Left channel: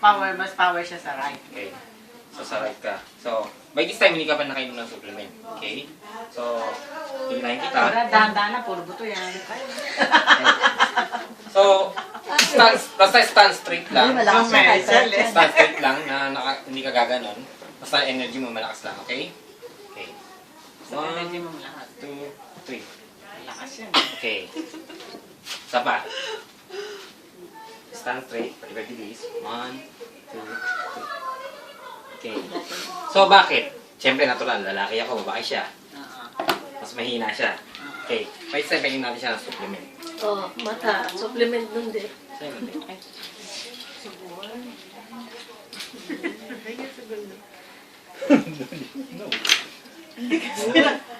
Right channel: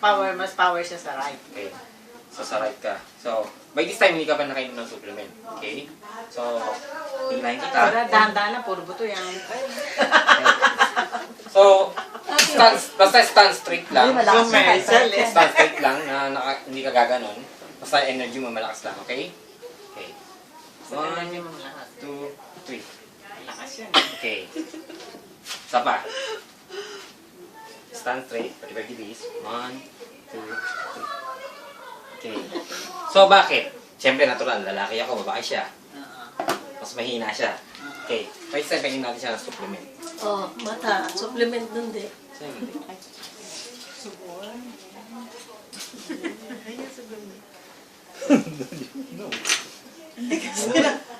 mas power siya sa right. Okay. So, sa right ka. So, by this time, hindi ka pa nakainom ng supplement. Okay? So, hilahin kita. Para dahan-dahan na, puro buto yan. So, basta stand straight lang. Stand straight lang na hindi ka gaganon. Basta energy mo malakas lang, okay? Okay. Sa energy mo lahat. 2, 3. Lakas yan. Okay. Isa pa. Stand straight. 30 minutes. 1, 2, 3. Okay. So, bakit? Siyempre, natural. Lalaki ako, babae siya. Mas mahina siya. Okay. May step, mahina natin siya ng supplement. Oh, mata. Supplement dun din. Subol.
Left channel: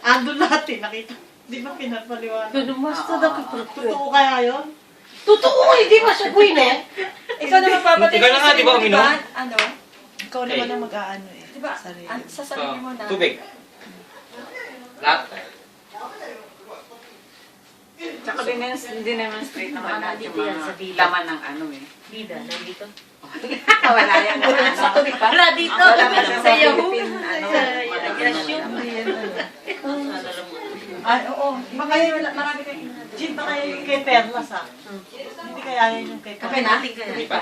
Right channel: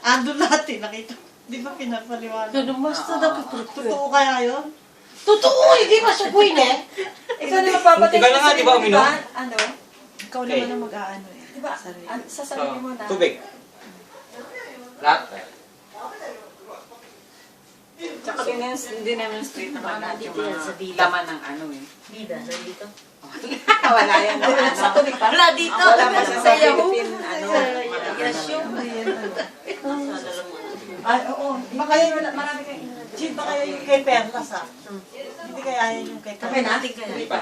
Ando lahat eh, nakita. Di ba pinapaliwanag? Pero mas na Totoo kaya yun? Totoo, hindi ba siya gawin eh? Ikaw na magpapatin Ikaw na nga, di ba, uminom? Ano? Ikaw naman ang mag-aano eh. Di ba? Sarili. Sa sarili mo na. Tubig. Lahat. Tsaka dinemonstrate naman lahat yung mga laman ng ano eh. Bida, nandito. Wala yan. Sa tubig pa? Wala dito. Wala pa sa Sa Yahoo. Philippine, ano, mga Yasyo. Oo. Baka yun, marami kayo. Gin, baka yun yung kay Perlas ah. Hindi kaya yun yung kay Kami Perlas. natin kaya. Tubig pa.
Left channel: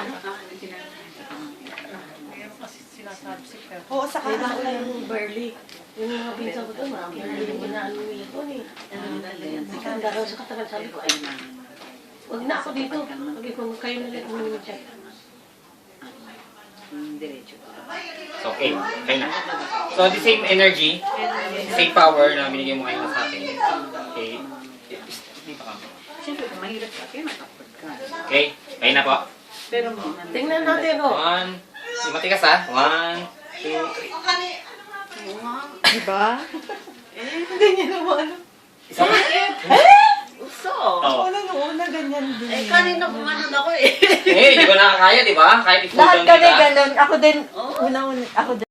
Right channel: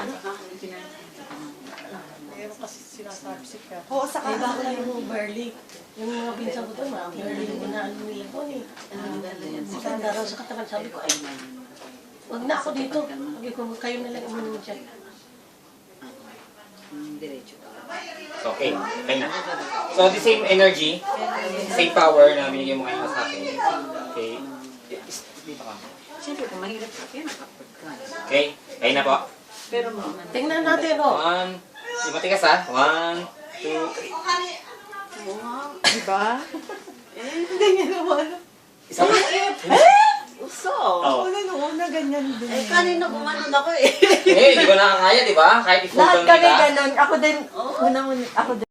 Mayroon kasi sinasabi si Perlas. Oo, sa Kaya ba yung barley? Yung mga pinsa ko doon, mga barley yung inaano niya ko ni. Magkanda daw sa katakan. Sabi ko, wag na ako dito. Sabi ko, kayo na lang uminom dyan. So, okay. Kaya na. So, the same energy, same power na binigay mo ngayon sa atin. Okay. Siyempre, kung mahirap ka, kaya nakapag ka. Okay. Kaya na po. Pero, Tingnan natin, oh. 1. Matikas ha. 1, 2, Diba? Hindi niya naman. bakit? So, Oh. una nung una ganyan din. Eh, kanina kumanon ako eh. Eh, hindi ko nakakaya, di ba? Kahit Lahat i-follow kami kita. ganun. Ako din, unang-una, ako din.